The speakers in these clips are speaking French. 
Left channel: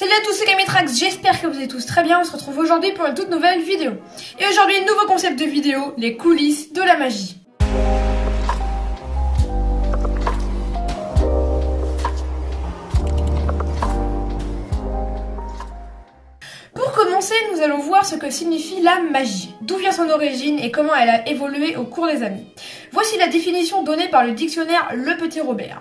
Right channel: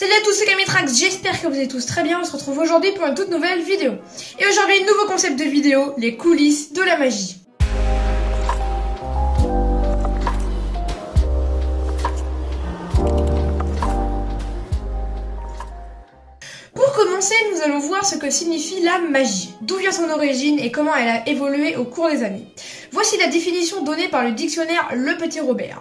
Salut à tous, c'est Camitrax, j'espère que vous allez tous très bien, on se retrouve aujourd'hui pour une toute nouvelle vidéo. Et aujourd'hui, nouveau concept de vidéo, les coulisses de la magie. Pour commencer, nous allons voir ce que signifie la magie, d'où vient son origine et comment elle a évolué au cours des années. Voici la définition donnée par le dictionnaire Le Petit Robert.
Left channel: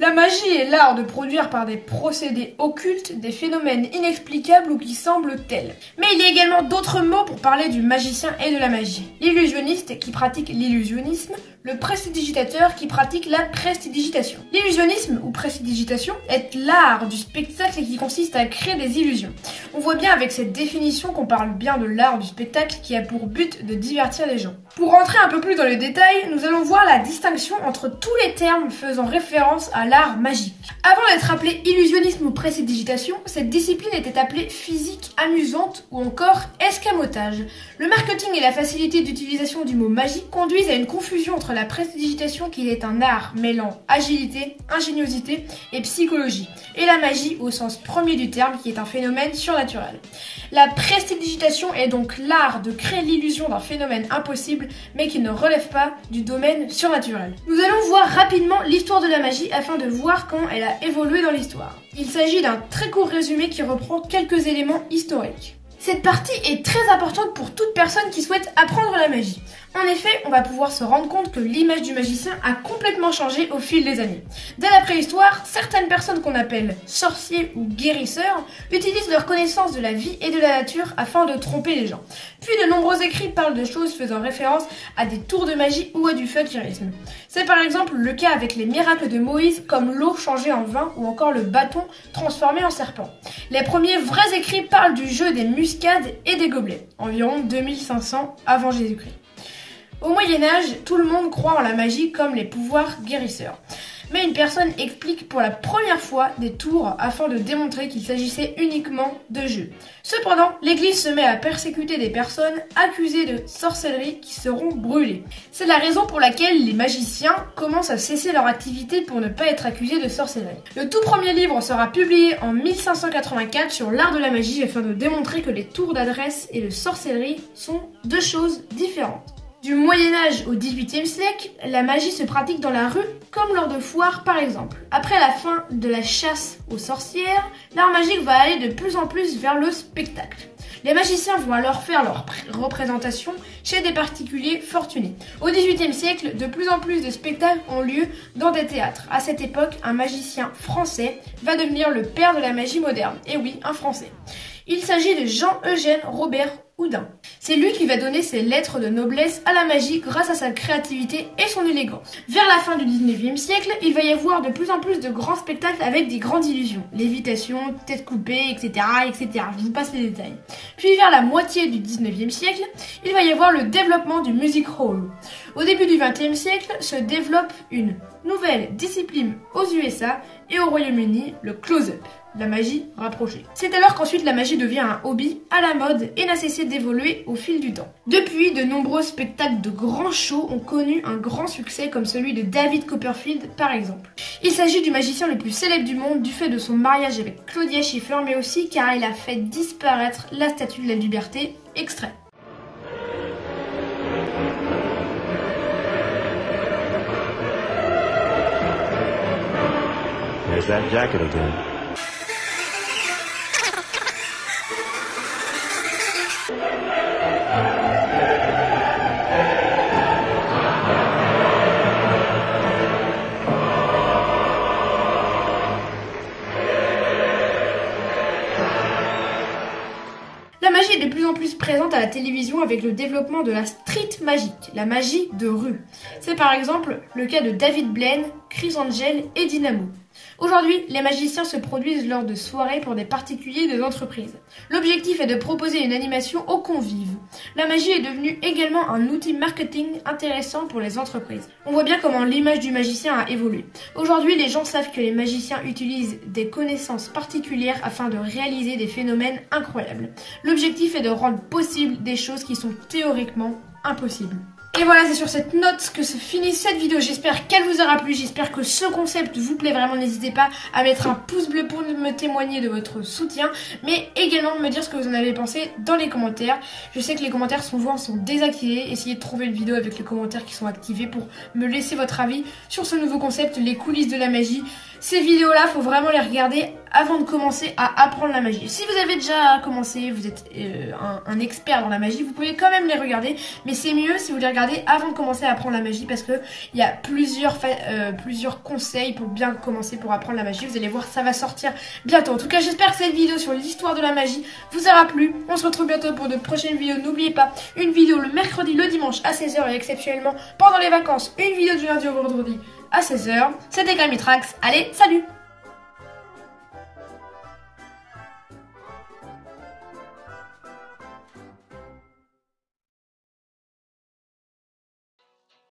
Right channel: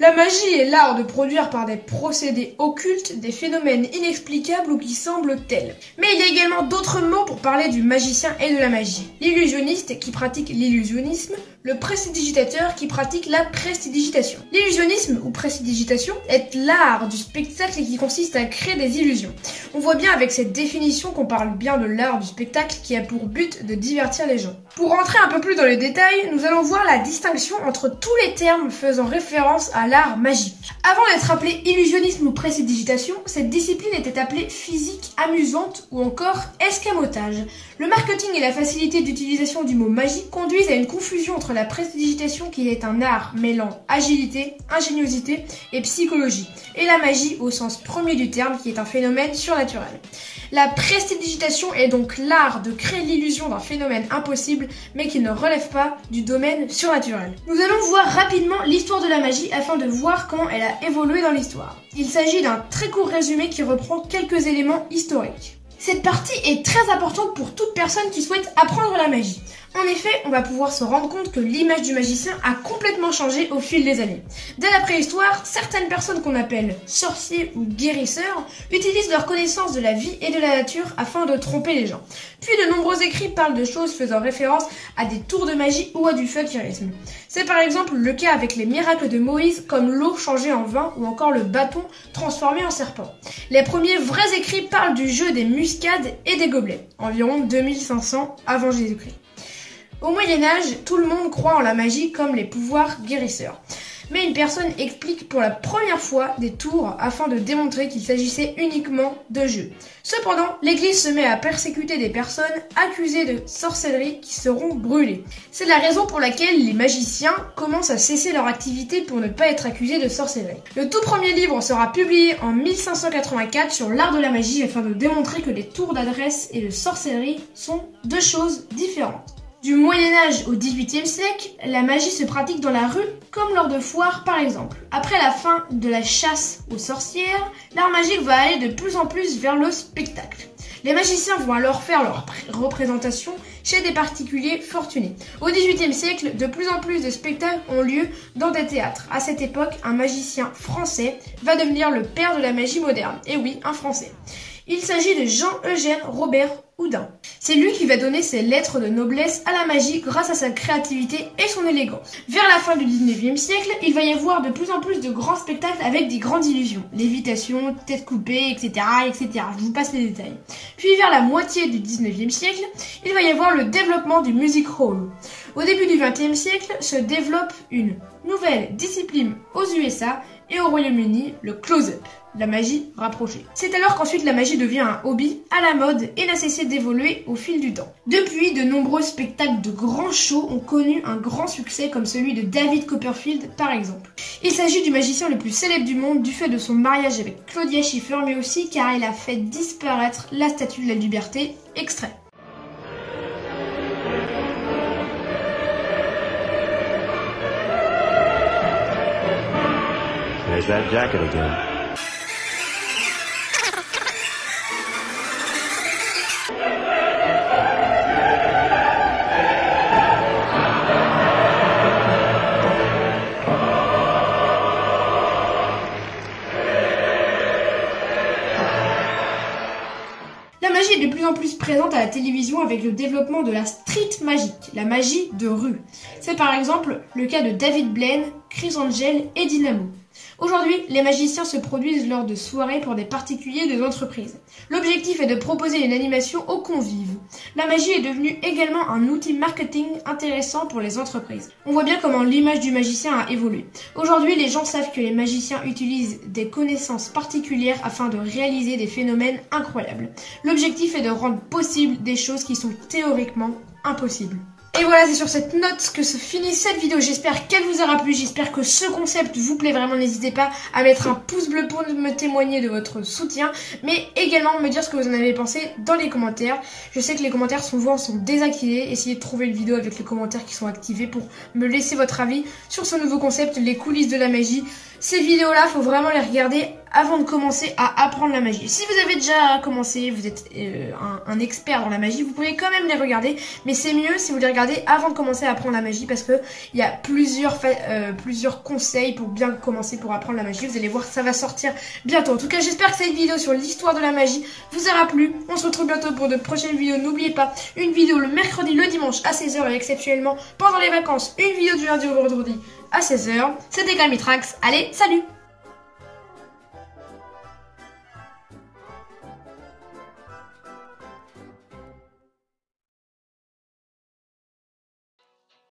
La magie est l'art de produire par des procédés occultes des phénomènes inexplicables ou qui semblent tels. Mais il y a également d'autres mots pour parler du magicien et de la magie. L'illusionniste qui pratique l'illusionnisme, le prestidigitateur qui pratique la prestidigitation. L'illusionnisme ou prestidigitation est l'art du spectacle qui consiste à créer des illusions. On voit bien avec cette définition qu'on parle bien de l'art du spectacle qui a pour but de divertir les gens. Pour rentrer un peu plus dans le détail, nous allons voir la distinction entre tous les termes faisant référence à l'art magique. Avant d'être appelée illusionnisme ou prestidigitation, cette discipline était appelée physique amusante ou encore escamotage. Le marketing et la facilité d'utilisation du mot magique conduisent à une confusion entre la prestidigitation qui est un art mêlant agilité, ingéniosité et psychologie, et la magie au sens premier du terme qui est un phénomène surnaturel. La prestidigitation est donc l'art de créer l'illusion d'un phénomène impossible mais qui ne relève pas du domaine surnaturel. Nous allons voir rapidement l'histoire de la magie afin de voir comment elle a évolué dans l'histoire. Il s'agit d'un très court résumé qui reprend quelques éléments historiques. Cette partie est très importante pour toute personne qui souhaite apprendre la magie. En effet, on va pouvoir se rendre compte que l'image du magicien a complètement changé au fil des années. Dès la préhistoire, certaines personnes qu'on appelle sorciers ou guérisseurs utilisent leur connaissance de la vie et de la nature afin de tromper les gens. Puis de nombreux écrits parlent de choses faisant référence à des tours de magie ou à du fakirisme. C'est par exemple le cas avec les miracles de Moïse comme l'eau changée en vin ou encore le bâton transformé en serpent. Les premiers vrais écrits parlent du jeu des muscades et des gobelets, environ 2500 avant Jésus-Christ. Au Moyen-Âge, tout le monde croit en la magie comme les pouvoirs guérisseurs. Mais une personne explique pour la première fois des tours afin de démontrer qu'il s'agissait uniquement de jeux. Cependant, l'Église se met à persécuter des personnes accusées de sorcellerie qui seront brûlées. C'est la raison pour laquelle les magiciens commencent à cesser leur activité pour ne pas être accusés de sorcellerie. Le tout premier livre sera publié en 1584 sur l'art de la magie afin de démontrer que les tours d'adresse et de sorcellerie sont deux choses différentes. Du Moyen-Âge au XVIIIe siècle, la magie se pratique dans la rue, comme lors de foires par exemple. Après la fin de la chasse aux sorcières, l'art magique va aller de plus en plus vers le spectacle. Les magiciens vont alors faire leurs représentations chez des particuliers fortunés. Au XVIIIe siècle, de plus en plus de spectacles ont lieu dans des théâtres. À cette époque, un magicien français va devenir le père de la magie moderne. Et oui, un français. Il s'agit de Jean-Eugène Robert Houdin. C'est lui qui va donner ses lettres de noblesse à la magie grâce à sa créativité et son élégance. Vers la fin du 19e siècle, il va y avoir de plus en plus de grands spectacles avec des grandes illusions. Lévitation, tête coupée, etc., etc. Je vous passe les détails. Puis vers la moitié du 19e siècle, il va y avoir le développement du music hall. Au début du 20e siècle, se développe une nouvelle discipline aux USA et au Royaume-Uni, le close-up, la magie rapprochée. C'est alors qu'ensuite la magie devient un hobby à la mode et n'a cessé d'évoluer au fil du temps. Depuis, de nombreux spectacles de grands shows ont connu un grand succès comme celui de David Copperfield par exemple. Il s'agit du magicien le plus célèbre du monde du fait de son mariage avec Claudia Schiffer mais aussi car il a fait disparaître la Statue de la Liberté, extrait. There's that jacket again. La magie est de plus en plus présente à la télévision avec le développement de la street magic, la magie de rue. C'est par exemple le cas de David Blaine, Chris Angel et Dynamo. Aujourd'hui, les magiciens se produisent lors de soirées pour des particuliers et des entreprises. L'objectif est de proposer une animation aux convives. La magie est devenue également un outil marketing intéressant pour les entreprises. On voit bien comment l'image du magicien a évolué. Aujourd'hui, les gens savent que les magiciens utilisent des connaissances particulières afin de réaliser des phénomènes incroyables. L'objectif est de rendre possible des choses qui sont théoriquement impossibles. Et voilà, c'est sur cette note que se finit cette vidéo. J'espère qu'elle vous aura plu. J'espère que ce concept vous plaît vraiment. N'hésitez pas à mettre un pouce bleu pour me témoigner de votre soutien, mais également me dire ce que vous en avez pensé dans les commentaires. Je sais que les commentaires souvent sont désactivés. Essayez de trouver une vidéo avec les commentaires qui sont activés pour me laisser votre avis sur ce nouveau concept, les coulisses de la magie. Ces vidéos-là, faut vraiment les regarder avant de commencer à apprendre la magie. Si vous avez déjà commencé, vous êtes un expert dans la magie, vous pouvez quand même les regarder, mais c'est mieux si vous les regardez avant de commencer à apprendre la magie, parce que il y a plusieurs conseils pour bien commencer pour apprendre la magie. Vous allez voir, ça va sortir bientôt. En tout cas, j'espère que cette vidéo sur l'histoire de la magie vous aura plu. On se retrouve bientôt pour de prochaines vidéos. N'oubliez pas, une vidéo le mercredi, le dimanche à 16 h et exceptionnellement pendant les vacances, une vidéo du lundi au vendredi à 16 h. C'était Gamitrax. Allez, salut!